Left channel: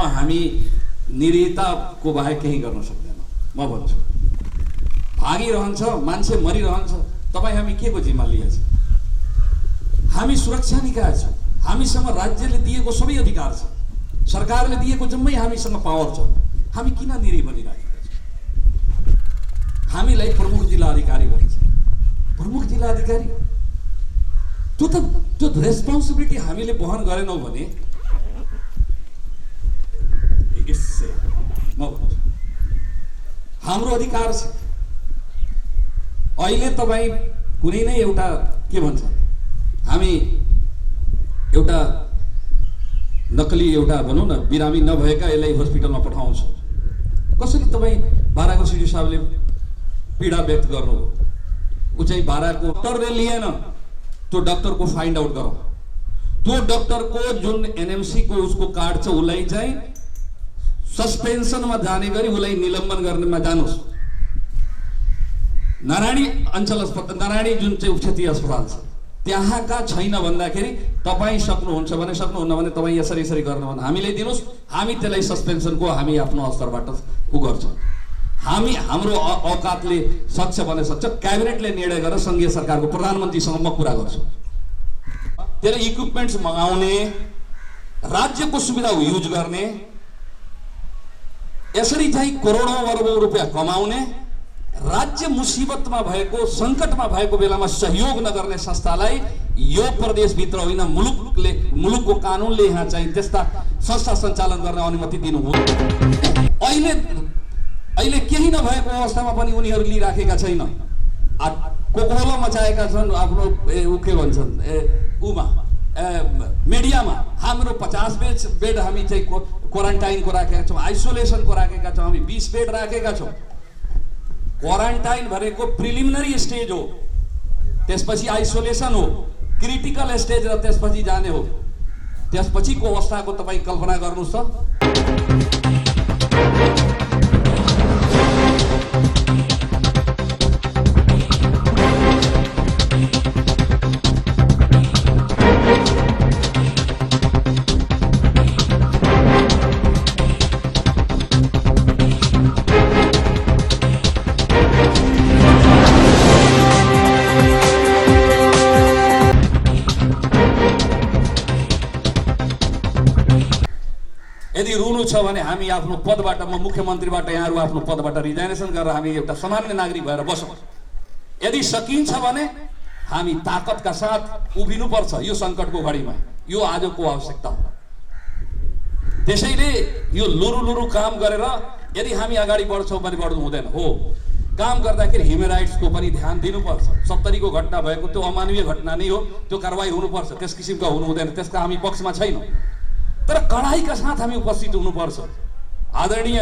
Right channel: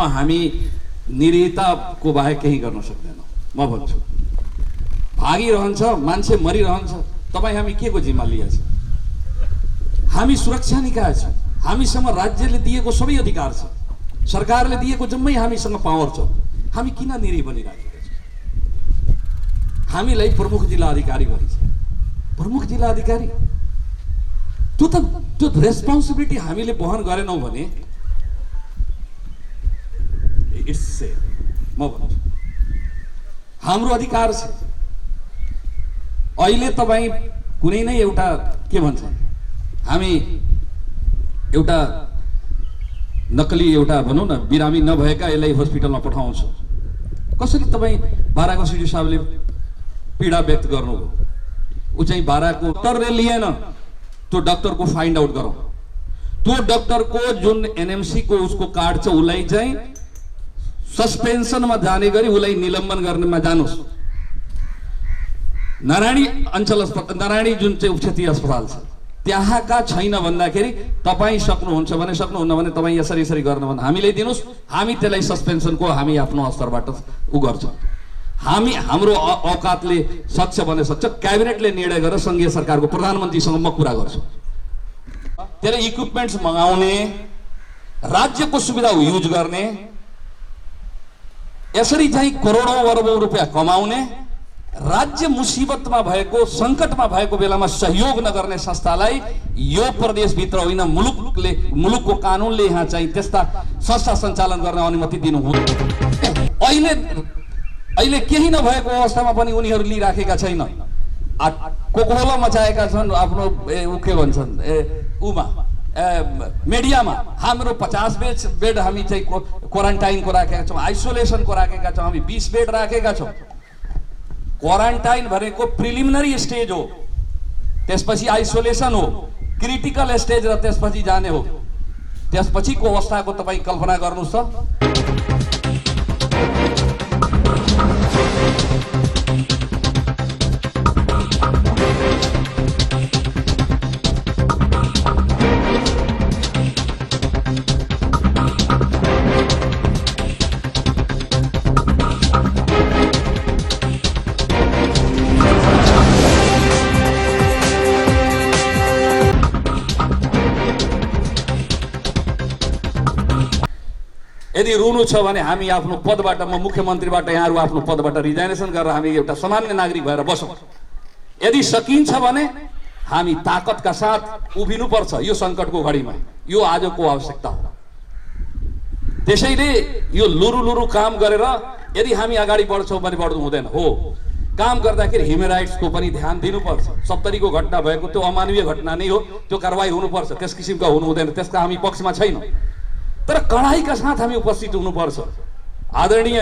रूपमा हामी निरीताको बाहेक केही गर्न सक्दैनौँ। म भन्छु भागिरहन्छ, मान्छे मरिरहन्छ, तपाईँ हामी के को जिम्मा लिएछ? हामी सुरक्षा निकाय छौँ, हामीसँग राज्यले दिएको सबै अधिकार छ, सरकारले दिएको जम्मै हामीसँग पावर छ। हामी किन निरी बनिराखेका छौँ? हामीलाई प्रमुख जिल्ला अधिकारी भन्छ। प्रमुख जिल्ला अधिकारी त्यो रेस्पोन्सिबिलिटी हामीले वहन गरेनौँ भने इट्स से म भन्छु हाम्रो अधिकार छ। अहिले तपाईँ कुनै नै एउटा के भन्छ, हामी एउटा नक्कली एउटा भनौँ न बिरामी नभएका यसलाई हस्पिटलमा पठाउँछ। कसरी तपाईँ बाराको सिडी साहबले पीडा व्यक्त गर्नुभयो, ऊ चाहिँ बाराको डक्टरले लिएन, त्यो डक्टरको फाइन्ड आउट गरौँ। त्यो डक्टरको जुन एनएमसी को उसको कार्ड छ उसलाई चाहिँ सस्पेन्सनमा जाने गरी उसलाई निलम्बन गर्नेमा जानुस्। नारायणी अञ्चल अस्पताल, नारायणी जुन चाहिँ उपक्षेत्रीय अस्पताल छ त्यहाँका छैन भन्दाखेरि तपाईँ सक्नुहुन्छ भने, सक्नुहुन्न भने तपाईँ यसरी यसरी गर्न भन्दा हामीलाई दिनुहोस्, हामी त्यसलाई सस्पेन्सनको हामी आफ्नो स्तरबाट उ गर्छौँ। हामी हाम्रो औकातले सक्छ भने सक्छ, क्याबिनेटले निर्णय गरेर सङ्घीय सरकारको प्रधानमन्त्रीसँग म कुरा गर्छु। त्यसले इक्विपमेन्ट्स मगाउने, राज्यको सुविधा युज गर्ने, यसरी चाहिँ करोडौँ अरबौँ रुपियाँ कमाउने, राज्य मुसिबतमा भएको सङ्कटमा भएको बेलामा सहयोग नगर्ने संस्थालाई यो प्रदेशभित्र होइन मुलुकको कानुनले यहाँ चाहिँ त्यस्ता संस्था सञ्चालन गर्न अनुमति दिनु हुँदैन। अहिले केही नभएको अवस्थामा पनि उनीहरू लिइराखेका छैन। कोकोहोला मचाएका छन् आफ्नो ऊ के भन्छन् उमा मिडियामा। हाम्रो 50 बेड हामी चाहिँ क्वारेन्टाइनको राखेका छौँ, आइसोलेसनको राखेका छौँ, हामी 20 बेड राखेका छौँ। क्वारेन्टाइन भनेको प्रिलिमिनरी स्टेज हो, त्यसपछि आइसोलेसन हो, क्रिटिकल स्टेज र त्यसपछि जाने हो। त्यसपछिको अवस्थाको तपाईँ कल्पना गर्नुहोस् त। यदि रुनु छ भने हामी आफ्नो पदबाट, म मुख्यमन्त्रीबाट यहाँहरू आफ्नो पदबाट रिजाइनेसन गरेर हामी एउटा सामान्य नागरिक भएर बसौँ। यदि सकिन्छ भने हामी ताकतका साथ उभिनुपर्छ यो सङ्कटको घडीमा। यो आजको आवश्यकता हो। त्यसैले यो लुरु काम गरेर यदि हामी अगाडि बढ्छौँ भने बढ्नु हुँदैन। हो, काम गर्दाखेरि ह्युमन राइट्सको पनि ध्यान दिनुपर्छ। 70 को घटना भएको त्यो अमानवीय घटना नै हो, त्यो कारवाही हुनुपर्छ। त्यस किसिमका हुनु हुँदैन, त्यसका हामी पक्षमा छैनौँ, तर कडाइका साथ हामी उपस्थित हुनुपर्छ। आदरणीय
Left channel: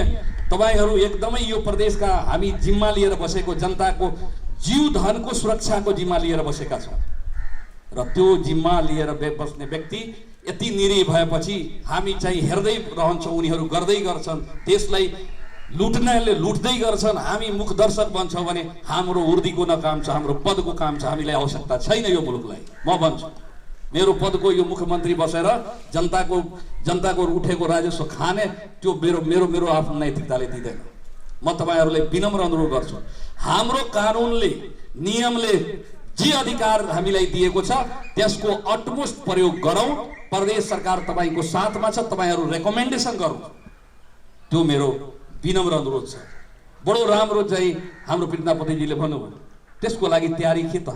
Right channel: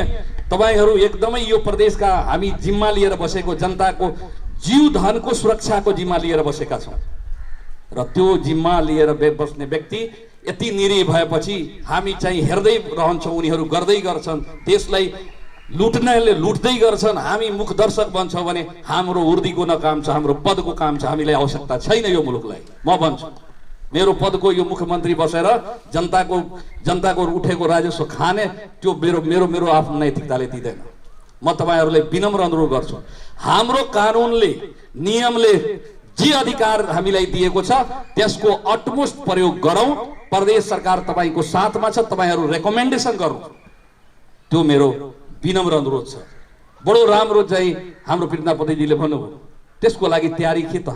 तपाईहरू एकदमै यो प्रदेशका हामी जिम्मा लिएर बसेको, जनताको जीव धनको सुरक्षाको जिम्मा लिएर बसेका छौँ र त्यो जिम्मा लिएर बस्ने व्यक्ति यति निरी भएपछि हामी चाहिँ हेर्दै रहन्छौँ, उनीहरू गर्दै गर्छन्, देशलाई लुट्दै गर्छन्, हामी मुखदर्शक बन्छौँ भने हाम्रो उर्दीको न काम छ, हाम्रो पदको काम छ। हामीलाई आवश्यकता छैन यो मुलुकलाई। म भन्छु मेरो पदको यो मुख्यमन्त्री बसेर जनताको उठेको राजस्व खाने त्यो मेरो आफ्नो नैतिकताले दिँदैन। म तपाईहरूलाई विनम्र अनुरोध गर्छु, हाम्रो कानुनले नियमले जे अधिकार हामीलाई दिएको छ त्यसको अटमोस्ट प्रयोग गरौँ। प्रदेश सरकार तपाईँको साथमा छ, तपाईँहरू रेकमेन्डेसन गरौँ, त्यो मेरो विनम्र अनुरोध छ। बडो राम्रो चाहिँ हाम्रो पृथ्वीनापतिजीले भन्नुभयो, त्यसको लागि तयारी के त?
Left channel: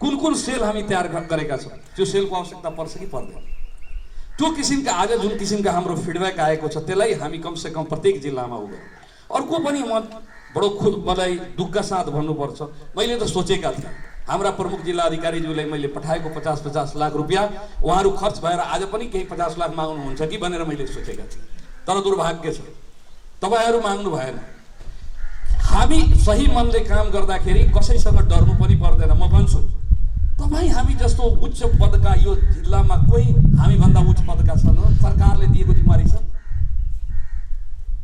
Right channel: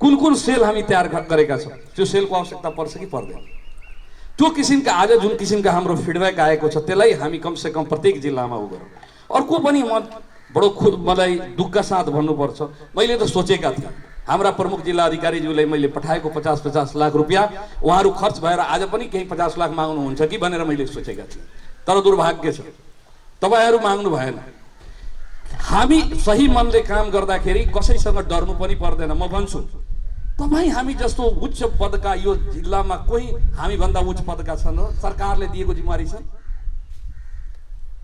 कुन सेल हामी तयार गरेका छौँ? त्यो सेलको आवश्यकता पर्छ कि पर्दैन? त्यो किसिमका आज जुन किसिमका हाम्रो फिडब्याक आएको छ त्यसलाई हामी कमसे कम प्रत्येक जिल्लामा उ गरौँ। अर्को पनि म बडो मलाई दुःखका साथ भन्नुपर्छ, मैले त सोचेका थिएँ हाम्रा प्रमुख जिल्ला अधिकारीज्यूलाई मैले पठाएको 50-50 लाख रुपियाँ उहाँहरू खर्च भएर आज पनि केही 50 लाख माग्नुहुन्छ कि भनेर मैले सोचेका थिएँ। तर दुर्भाग्य छ तपाईँहरू माग्नु भएन। हामी सही मनले काम गर्दाखेरि कसैसँग डर्नु पनि पर्दैन। म भन्छु तपाईँ हामी जस्तो उच्च पदका यो जिल्लामा कोही हामीभन्दा उच्च पदका छन्, सरकारले दिएको जिम्मेवारी छ,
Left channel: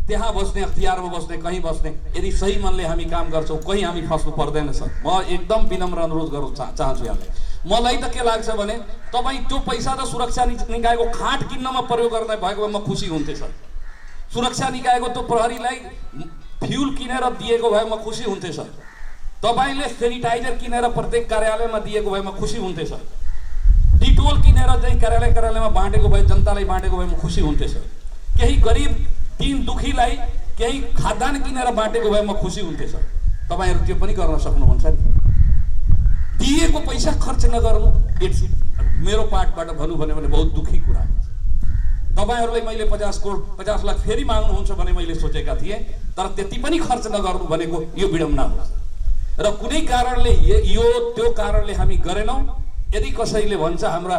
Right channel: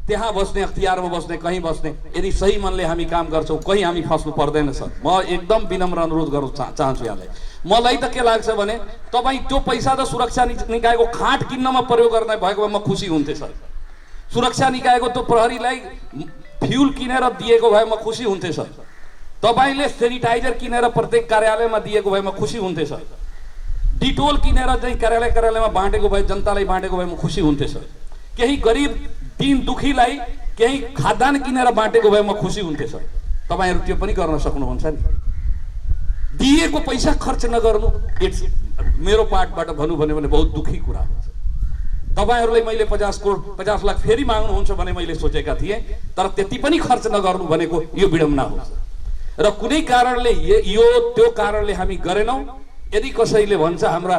त्यहाँ बस्ने, अख्तियारमा बस्ने, कहीँ बस्ने, यदि सही मनले हामी काम गर्छौँ कहीँ हामी फस्नु पर्दैन सर। म एकदम विनम्र अनुरोध गर्न चाहन्छु यहाँलाई। मलाई त के लाग्छ भने तपाईँ त्यो पैसा त सुरक्षा निकायको खाट किन्नमा प्रयोग गर्ने भएको भए म खुसी हुन्थेँ सर। सुरक्षा निकायको त्यो प्रहरीलाई फ्युल किनेर दिएको भए म खुसी हुन्थेँ सर। तपाईँले सेनिटाइजर किनेर प्रत्येक कार्यालयमा दिएको भए म खुसी हुन्थेँ सर। डिटोल किनेर चाहिँ कार्यालयमा बाँडेको भए, जनतालाई बाँडेको भए म खुसी हुन्थेँ सर। केही गरिब दीन दुखीलाई केही खाद्यान्न किनेर बाँडेको भए म खुसी हुन्थेँ सर। तपाईँहरू त्यो पनि गर्न सक्नुहुन्छ नि। दिएको पैसा खर्च नगर्नु इट्स मेरो पार्टबाट भनौँ भने बहुत दुखी कुरा हो। तपाईहरूलाई मैले 50 लाख फेरि माग्नुहुन्छ भने मैले सोचेका थिएँ, तर त्यति पनि खर्च नगर्नु भनेको यो विडम्बना हो। र कुनै कारणले यो त्यो कारणले हामी गरेनौँ। यदि कसैले भन्छ हाम्रा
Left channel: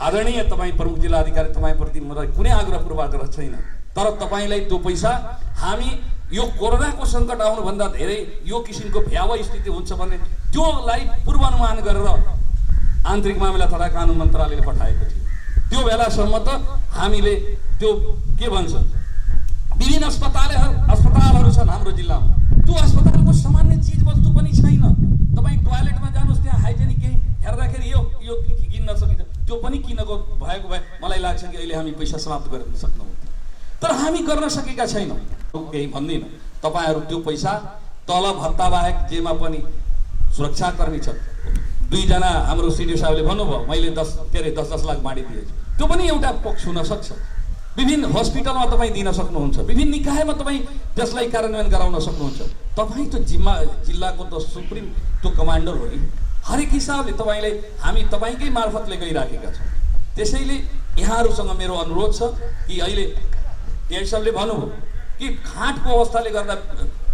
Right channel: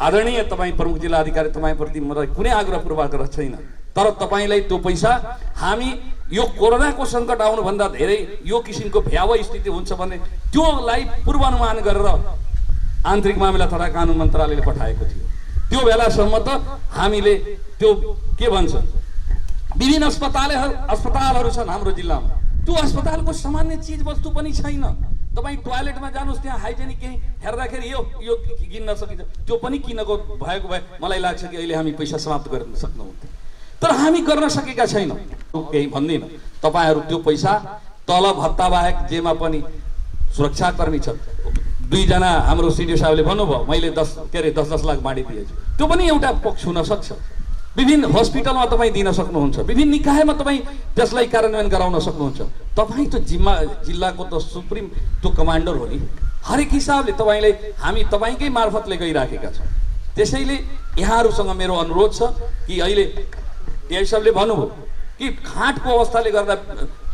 आदरणीय तपाईँ प्रमुख जिल्ला अधिकारी तपाईँप्रति मलाई कुनै आग्रह पूर्वाग्रह छैन, तर तपाईँलाई त्यो पैसा हामी यो कोरोनाको सङ्कट आउनुभन्दा धेरै यो किसिमको भयावह स्थिति हुन्छ भने त्योलाई पूर्वानुमान गरेर आन्तरिक मामिला तथा कानुन मन्त्रालयले पठाएको थियो। त्यो बेलासम्म त हामीले त्यो के भन्छ विभिन्न अस्पतालहरू छन् हाम्रो जिल्लामा, त्यो अस्पतालको सामान्य चिज वस्तु पनि छैन। तपाईँ टोयलेटमा जानुहोस्, त्यहाँ हाइजेनिक केही हेर्दाखेरि यो किन्न सकिन्छ, त्यो पनि किनको भएको भए मलाई लाग्छ कि अहिले हामी पैसा समाप्त गर्न सक्नुहुन्थ्यो, तर हामी गर्न सकेका छैनौँ। केही भन्दिनँ, तपाईँहरू त्यो पैसा तल भत्ता बाहेक जेमा पनि सुरक्षाकर्मी छ, 2 जना हाम्रो सिडिओ साहबले भन्नुभयो मैले 10 लाख बाँडिदिएछु, त्यो पनि एउटा पक्ष हुन सक्छ। विभिन्न हस्पिटलमा तपाईँ दिन सक्नुहुन्छ, विभिन्न निकायमा तपाईँ त्यसलाई कार्यान्वयन गराउन सक्नुहुन्छ। तपाईँ त जिल्लाको त सुप्रिम त्यो कमान्डर हो नि, हरेक हिसाबले तपाईँले हामी तपाईँकै मार्फतले गइराखेका छौँ। त्यसैले यहाँहरूसँग मेरो अनुरोध छ कि अहिले टिआई साहबले भन्नुभयो कि खाँटको अवस्थाले गर्दा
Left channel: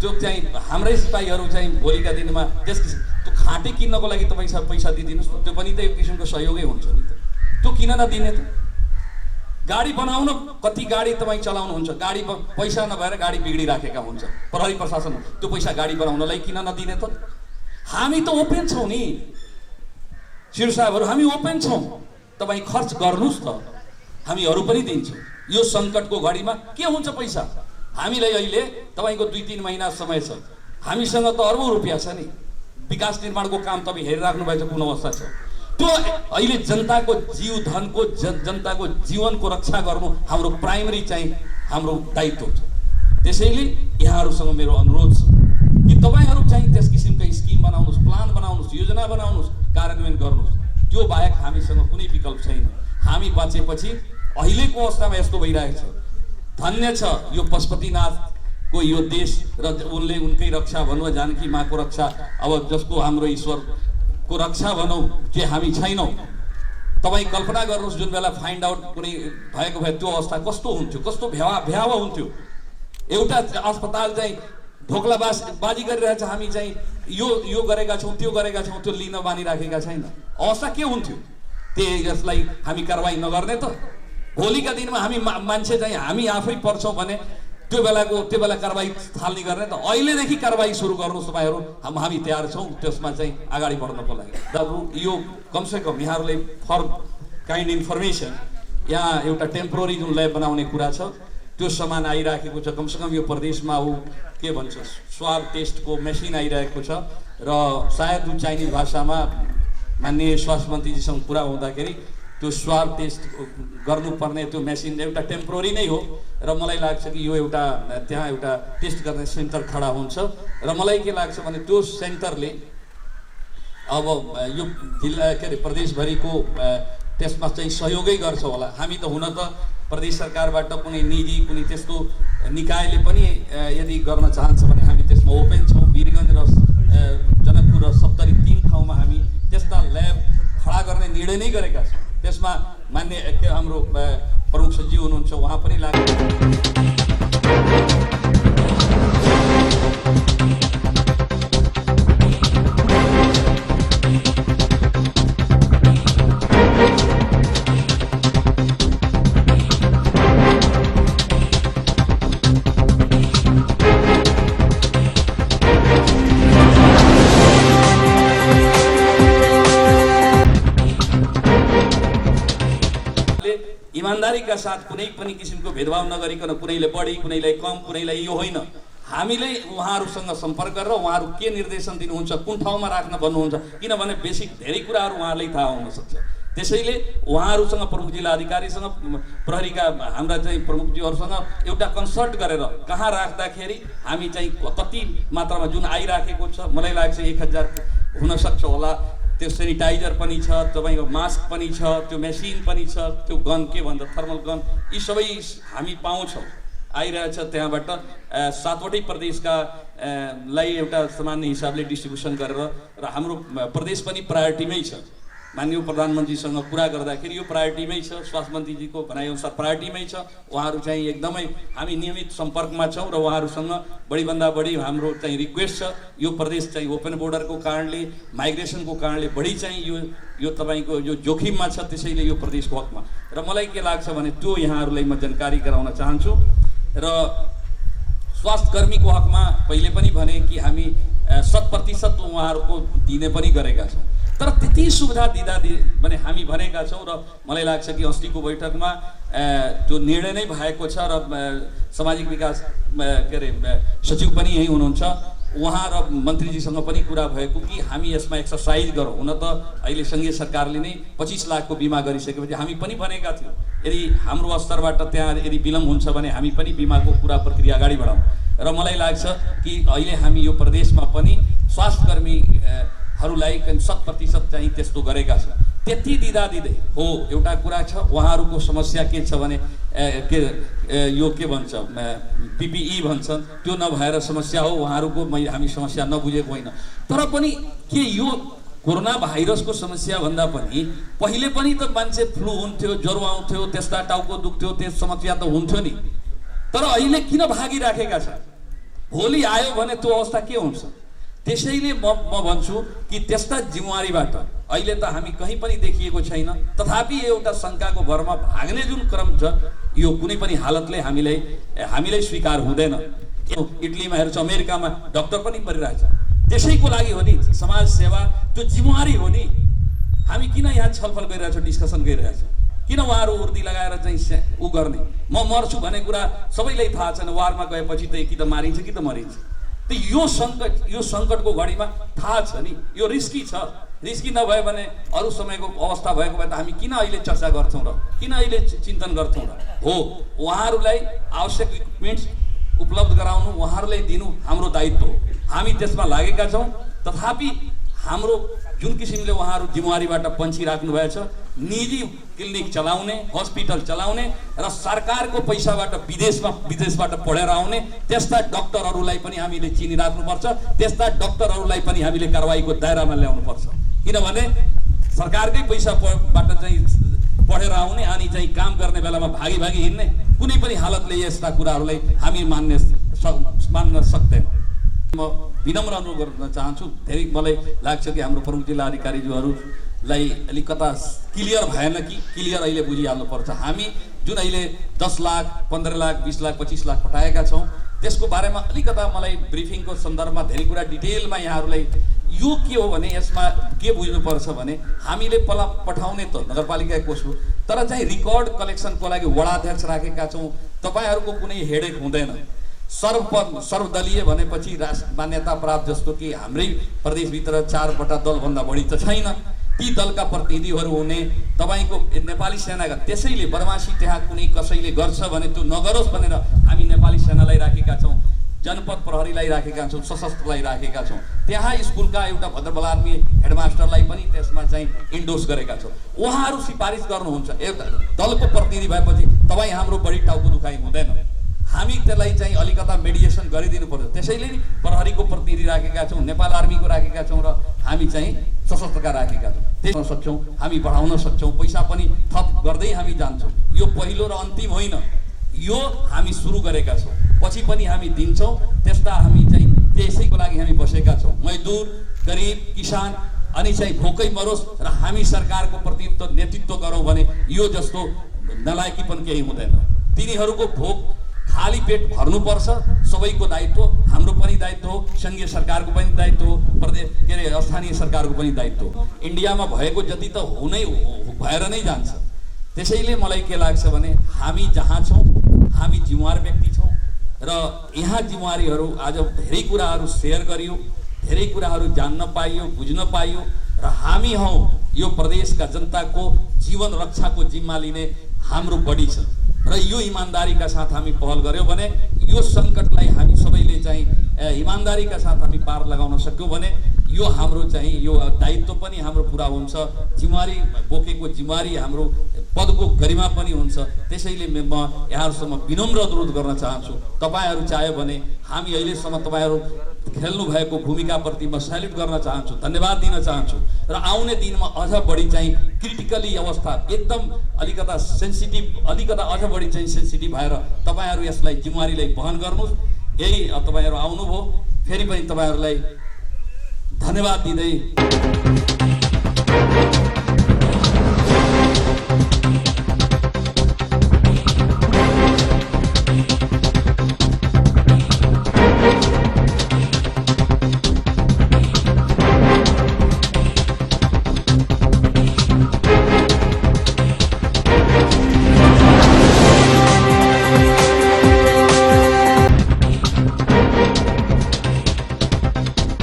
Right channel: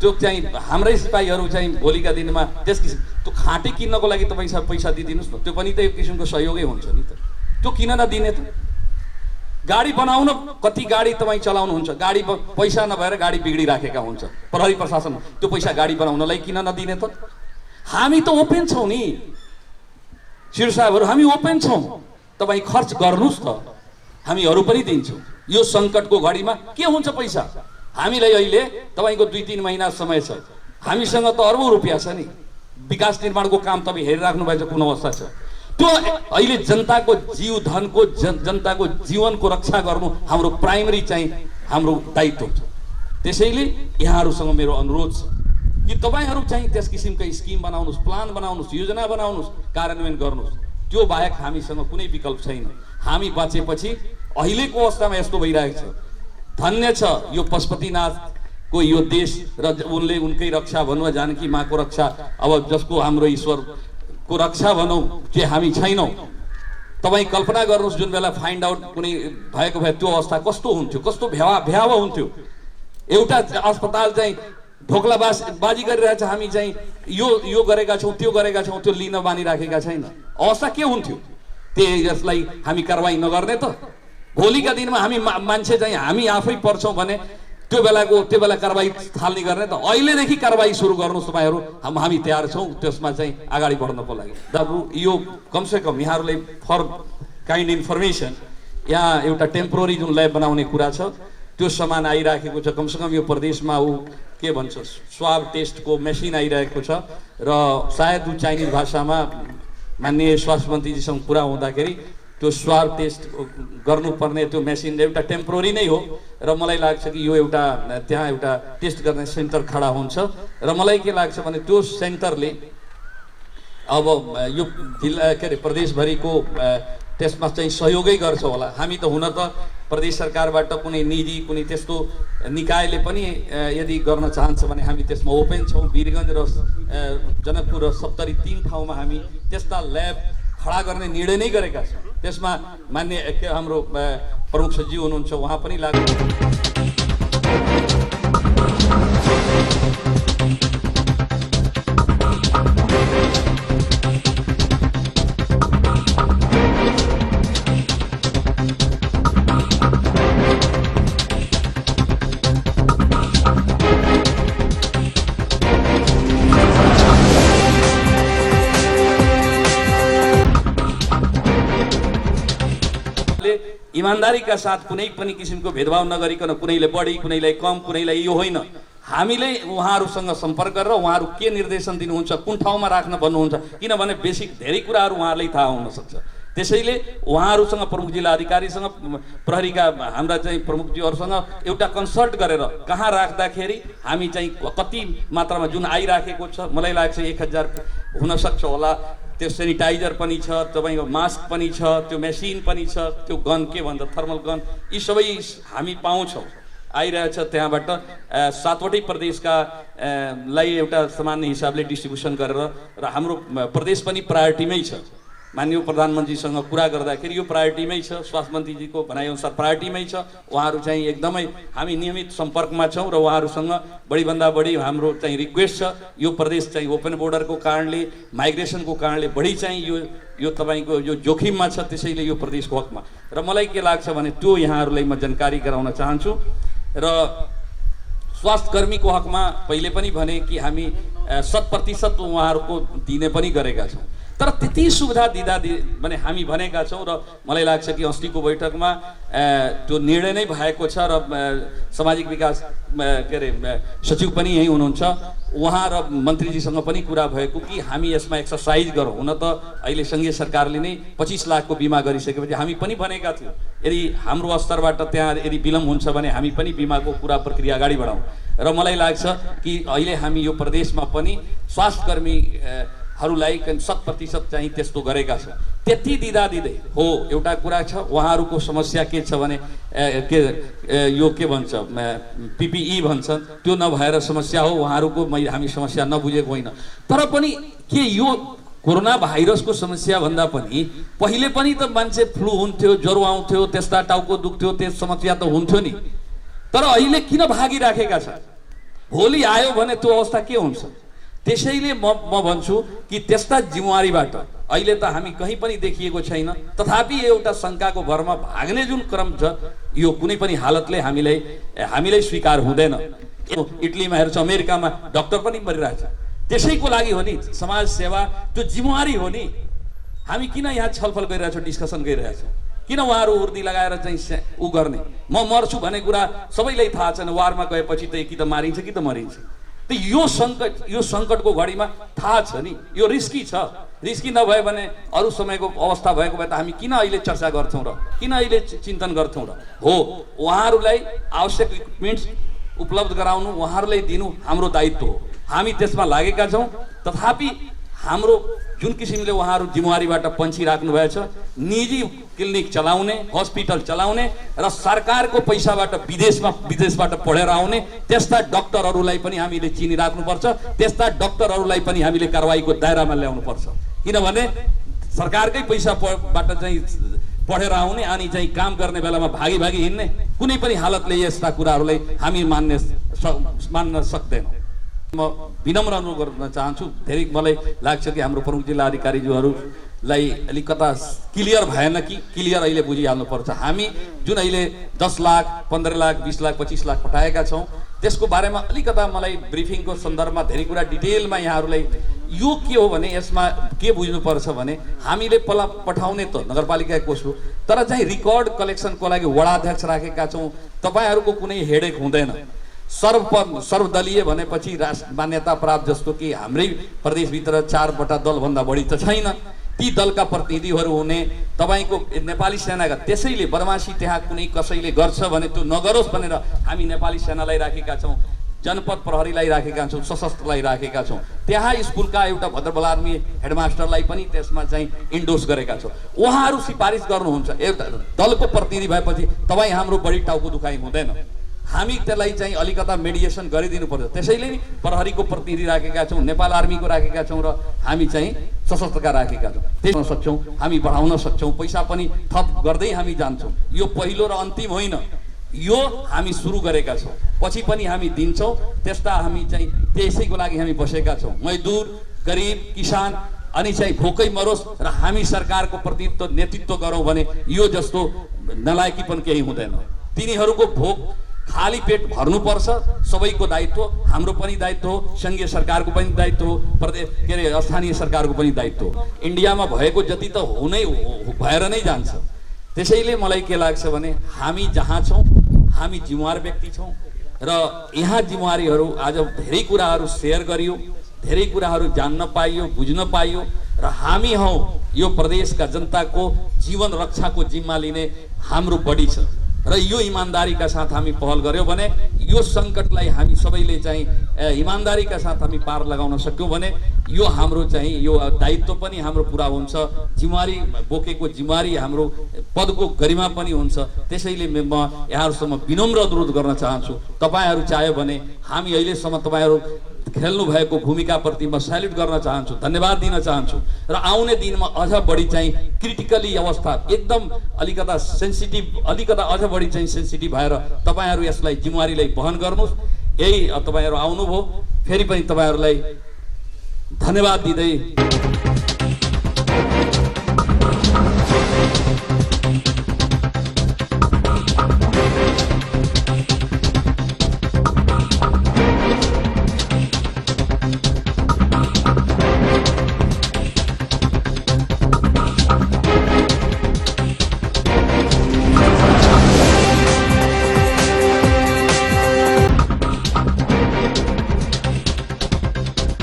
त्यो चाहिँ हाम्रै सिपाहीहरू चाहिँ भोलिका दिनमा त्यस किसिम त्यो खाँटै किन्नको लागि तपाईँ पैसा दिइदिनुहोस् न, त्यो पनि त एक किसिमको सहयोगै हुन्छ नि त। त्यो किन नदिने त? गाडी बनाउन कति गाडी तपाईँ चलाउनुहुन्छ, गाडी पैसा नभएर गाडी बिग्डिराखेका हुन्छ, प्रहरी प्रशासन त्यो पैसा गाडी बनाउनलाई किन नदिने त? हामी त ओपेन छौँ नि सिडिओ साहबहरू, हामी ओपेन छौँ, तपाईँ खर्च गर्नुहोस् त, हामीहरू पनि दिन्छौँ। यो सङ्कटको घडीमा के हुन्छ पैसा? हामीलाई अहिले तपाईँको 2-3 महिना समय छ, हामीसँग त अर्बौँ रुपियाँ छ नि, विकास निर्माणको काम तपाईँ हेरिराख्नु भएको छ कुन अवस्था छ। त्यो अहिले जनताको जीव धनको जनताको जीवनको रक्षा गर्नु हाम्रो प्राइमरी चाहिँ हाम्रो दायित्व छ। त्यसैले यहाँहरूसँग मेरो अनुरोध छ कि तपाईँहरू चाहिँ त्यस किसिमका स्किम बनाउनुहोस्, प्लान बनाउनुहोस्, योजना बनाउनुहोस्, कार्यान्वयन गर्नुहोस्। त्यो बाहेक हामीसँग कुनै विकल्प छैन। हामी बाँचेपछि अहिलेको अवस्थामा यस्तो भइरहेको छ, धन्य छ यो पशुपतिनाथको यो देश र उनले उनकै रक्षा भनौँ, जानकी माँको रक्षा, अब जसको हाम्रो ईश्वरको रक्षा भनौँ चाहिँ हामी छैनौँ। तपाईँ कल्पना गर्नुहोस् जुन बेला फाइन्ड आउट कुनै भएको भए त्यो अवस्था कस्तो हुन्थ्यो, कस्तो भयावह हुन्थ्यो। एउटा अस्पताल चाहिँ ढोक्लाबाजी गरिरहेछ, हामी चाहिँ यो गरेका छौँ त्यो गरेका छौँ, त्यो लिन मानिराखेका छैन, अवस्था के हुन्थ्यो? त्यसलाई हामी कारवाही नगर्ने त भोलिका दिनमा हामी मान्छे चाहिँ हामी आफै पर्छौँ भने त्यो बेला कारवाही थाल्ने गर्ने त अहिलेदेखि कारवाही सुरु गर्नुहोस् तपाईँहरू, हामी तयार छौँ त्यसमा चाहिँ अगाडि बढ्नको लागि। दाजु यो कमसेकम यहाँहरूलाई फर काइन्ड इन्फर्मेसन, यहाँ एउटा टेम्पोररी जुन ल्याब बनाउने कुरा छ त्यो सामान आइराखेको छ। कमसेकम यो प्रदेशमा के भन्छ स्वाब टेस्टको मेसिन आइरहेको छ र सायद चाइनिज भाषामा माननीय स्वास्थ्य मन्त्रीजीसँग कुरा हुँदाखेरि त्यो स्वाब टेस्ट गर्नुपर्ने त्यो मेसिन एउटा टेम्पोररी नै हो र मलाई लाग्छ कि यो त्यहाँ एउटा टेस्ट गर्ने सेन्टर खडा हुन्छ र मलाई के लाग्छ भने त्यो सेन्टरले अब यो जिल्ला के अरे प्रदेशभरिको त्यसमा चाहिँ सहयोगै गर्छ होला। हामी त हुन त प्रदेश सरकारबाट कुनै निजी कुनै त्यस्तो निकायले पनि यदि गर्न चाहन्छ भने हामी त्यसमा ओपेन छौँ। वीरगञ्ज र जनकपुर र सप्तरी 3 ठाउँमा हामी त्यस्ता ल्याब खडा गर्ने निर्णय नै गरेका छौँ। त्यसमा मान्य हाम्रो प्रमुख सचिव हुनुहुन्छ, उहाँ पनि लाग्नु। ईमानदारी का साथ कुनै पनि किसिमको भेदभाव नगरिकन कुनैले बढी कुनैलाई कम कुनैलाई यो होइन, हामीले उहाँहरूसँग सम्पर्क गरेर उहाँहरू के निर्देशन दिनुहुन्छ, कुन ठाउँमा राख्न भन्नुहुन्छ, किनभने बेसिक धेरै कुराहरू उहाँहरूलाई थाहा हुनसक्छ। त्यसैले उहाँहरूसँग प्रमुख जिल्ला अधिकारीसँग प्रहरीका हाम्रा चाहिँ प्रमुखजीहरूसँग एउटा कन्सल्ट गरेर कहाँ राख्दाखेरि हामी चाहिँ कति मात्रामा जुन आइराखेको छ, मलाई लाग्छ 1000 हुनसक्छ होला, त्यो सेनिटाइजर पनि छ, तपाईँको मास्क पनि छ, त्यो मेसिन पनि छ, त्यो गन के भन्छ थर्मल गन, यी सबै हामी पाउँछौँ, आइरहेछ त्यहाँबाट। 7वटै प्रदेशका लाई एउटा सामान्य हिसाबले डिस्ट्रिब्युसन गरेर र हाम्रो प्रदेश पनि प्रायोरिटीमै छ। माननीय प्रधानमन्त्रीसँग कुरा गर्दाखेरि यो प्रायोरिटीमै छ, स्वास्थ्य मन्त्रीजीको भनाइअनुसार प्रायोरिटीमै छ। उहाँहरू चाहिँ एकदमै हामी नियमित सम्पर्कमा छौँ र उहाँहरूसँग बढीभन्दा बढी हाम्रो चाहिँ रिक्वेस्ट छ। यो प्रदेश चाहिँ ओपन बोर्डरको कारणले, माइग्रेसनको कारणले बढी चाहिँ यो तपाईँको यो जोखिममा छ, त्यसैले यो प्रदेशको हकमा। र मलाई के लाग्छ भने त्यो यहाँहरूलाई म जानकारी गराउन चाहन्छु। र स्वास्थ्य कर्मीको हकमा पहिले पनि भने कि हामी 100% उहाँहरूको दिने पनि गरेका छौँ, तर त्यति सुविधा दिँदा भने हामी भनेका छौँ। र मलाई लाग्छ कि अस्तिको बैठकमा त्यो निर्णय नै भएको छ र सामाजिक विकास के अरे सचिव पनि यहीँ हुनुहुन्छ, उहाँ र मन्त्रीजीसँग पनि कुरा भएको कि हामी यसमा एक्सर्साइज गरौँ। हुन त अहिले सङ्घीय सरकारले नै 25 लाखको बिमा गरिसकेपछि हामी पनि भनेका थियौँ यदि हाम्रो स्तरबाट त्यहाँ यदि विलम्ब हुन्छ भने हामी पनि बिमाको पुरा प्रक्रिया अगाडि बढाउँ। र मलाई लाग्छ कि अहिले हामी यो प्रदेशमा पनि स्वास्थ्यकर्मी हरूलाई 100% चाहिँ त्यस्तो गरेका छौँ। त्यति दिँदै हो एउटा कुरा छ, उहाँहरूको समस्या के छ भने यो के भन्छ PPE भन्छन्, त्यो नभएर समस्या हो उहाँहरूको, हामी समस्या नबुझेको होइन। तर पनि के यो कोरोना भाइरसको समस्या भन्दा पनि पहिले पनि त मान्छे फ्लू हुन्थ्यो, ज्वरो आउँथ्यो, त्यस्ता टाउको दुख्थ्यो, त्यस समस्या त हुन्थ्यो नि। तर अहिले किन भागिराखेका छ? भोलि आयो भने त्यो अवस्था के हुन्छ? त्यसैले म भन्छु कि त्यस्ता जिम्मेवारीबाट अहिले त हामी कहीँ पनि देखिएको छैन, तथापि एउटा शङ्काको भरमा भाग्ने जुन क्रम छ यो कुनै पनि हालतले हामीलाई स्वीकार हुँदैन। इटलीमा हेर्छ, अमेरिकामा डक्टर पनि मरिरहेछ, त्यसैको लागि हो नि समाज सेवा, त्यो जिम्मेवारी हो नि। हामी किन यहाँ छलफल गरिरहेछौँ, डिस्कसन गरिरहेछौँ? किन उहाँहरू उर्दी लगाएर चाहिँ उ गर्ने? म मर्छु भन्ने कुरा सबैलाई थाहा छैन, वारमा गएपछि त कि त मारिन्छ कि त मरिन्छ। त यो सङ्कटको घडीमा थाहा छ नि यो रिस्की छ। रिस्की नभए भने अरू समयको अवस्था भएको भए त हामी किन अहिले चर्चा गर्छौँ र किन अहिले चिन्तन गर्छौँ र? हो, उहाँहरूलाई आवश्यक इक्विपमेन्ट्स उपलब्ध गराउनु, उहाँहरूलाई दिनु हाम्रो दायित्व हो, हामी त्यसमा लागेका छौँ। तथापि हाम्रो जुन किसिमले उहाँहरू जिम्मेवारीबाट पन्छिराख्नु भएछ, निजी क्लिनिक चलाउने, हस्पिटल चलाउने र सरकारको पैसाबाट विदेशबाट पढेर आउने त्यस्ता डक्टरहरूलाई पनि हामीले चिनिराख्नुपर्छ। त्यस्ता डक्टरहरूलाई पनि हामीले कारवाहीको दायरामा ल्याउनुपर्छ। किनभने सरकारकै पैसाबाट चाहिँ पढेर आउने अनि चाहिँ काम गर्ने बेलामा भागी हिँड्ने कुनै पनि हालतले यस्ता कुराहरूलाई हामी मान्न सक्दैनौँ। म विनम्र अनुरोध गर्न चाहन्छु। धेरै मलाई लाग्छ कि हाम्रो प्रमुख जिल्ला अधिकारीज्यूहरूलाई अलिकता क्लियर भएन कि क्लियर अहिले बुझिहाल्नुपर्छ। हामी जुन अहिले 10 लाख, 15 लाख, 20 लाख, 25 लाख पठाएका छौँ त्यसको बारेमा अलिकता मलाई ब्रिफिङको सन्दर्भमा धेरै कुरा डिटेलमा यहाँहरूलाई यो के हो भने यसमा के बुझ्नुपर्छ भने हामीले पठाउने त नगरपालिका कोष हो, तर चाहिँ रिकर्ड कलेक्सनको लागि वडाध्यक्ष राखेका छौँ। तपाईँहरूको कुनै हेडेक हुँदैन। सर्वदलीय भनेपछि मान्यता प्राप्त जस्तो कि हाम्रै प्रदेशभित्र 4वटा दलभन्दा बढी त छैन, ती दलका प्रतिनिधिहरू हुने तपाईँको नेपाली सेनाका। त्यसैले बदमासी त्यहाँ कुनै कसैले गर्छ भने त्यो नगरोस् भनेर हामी नेपाली सेनालाई राखेका छौँ, जनपद प्रहरीलाई राखेका छौँ, सशस्त्रलाई राखेका छौँ। त्यहाँ स्कुलका एउटा भद्रबल आर्मी हेडमास्टरलाई पनि त्यसमा चाहिँ इन्डोर्स गरेका छौँ। उहाँहरू सिफारिस गर्नुहुन्छ, एउटा दलको प्रतिनिधि भएपछि तपाईँ हाम्रो बढी टाउको दुखाइ हुँदैन, हामी त्यसलाई चाहिँ अलिकता मेडिएसन गरिदिनु पर्छ। त्यसैले नि प्रहरीको प्रतिनिधि राखेका छौँ, नेपाल आर्मीको राखेका छौँ र हामी चाहिँ सशस्त्रका राखेका छौँ। त्यसमा सक्छौँ, हामी बढाउन सक्छौँ, पैसा पनि थप गर्दै हामी जान्छौँ। यो पहिलो र अन्तिम होइन, यो हामी सुरु गरेका छौँ, पछि पनि हामी दिन्छौँ। त्यस्ता हामी चाहिँ त्यसैको लागि हामी बसेका छौँ। मजदुर, गरिब, किसान अनि चाहिँ भोकै मरोस् र हामी सरकारको प्रतिनिधित्व नेतृत्व गरौँ भने यो जस्तो नलायकी पनि केही हुँदैन। तिनीहरूको भोक खाली पेट भर्नुपर्छ, सबैको दायित्व, हाम्रो पनि दायित्व हो, सङ्घीय सरकारको पनि दायित्व हो, प्रदेश के अरे स्थानीय सरकारको पनि दायित्व हो। इन्डियामा भएको जति त भएर नै जान्छ। त्यसैले मलाई के लाग्छ भने हामी जहाँ छौँ हामी जिम्मेवार व्यक्ति छौँ, र यहाँ जिम्मेवारीहरू आज धेरै कुराहरू सेयर गरियो, धेरै कुराहरू जान्न पाइयो, बुझ्न पाइयो र हामी हौ यो प्रदेशका जनताको जीवन रक्षाको जिम्मा लिने हाम्रो बढी छ र यो इमानदारीका साथ हामी पहल गर्यौं भने यो सङ्कटलाई हामी सबैले चाहिँ इमानदारीका साथ हामी पार लगाउन सक्यौं भने यो हाम्रो चाहिँ यो दायित्व पनि हाम्रो पुरा हुन्छ, जिम्मेवारी बोकेको जिम्मेवारी हाम्रो पदको गरिमा पनि हुन्छ। त्यसैले म यहाँहरूसम्म विनम्र अनुरोध गर्न चाहन्छु, तपाईहरू चाह्यो भने हामी अहिलेसम्म तपाईहरू खेल्नु भएको भूमिकाप्रति म सल्युट गर्न चाहन्छु, धन्यवाद दिन चाहन्छु र आउने दिनमा अझ बढी चाहिँ क्रिटिकली अवस्था एकदम अलिकता सेन्सिटिभ, अलिकता अझ बढी चाहिँ सेन्सिटिभ भएर तपाईहरू यसलाई जिम्मेवारीलाई वहन गर्नुहोस्। यही तपाईहरू आउनुभयो, फेरि पनि तपाईहरूलाई धन्यवाद दिँदै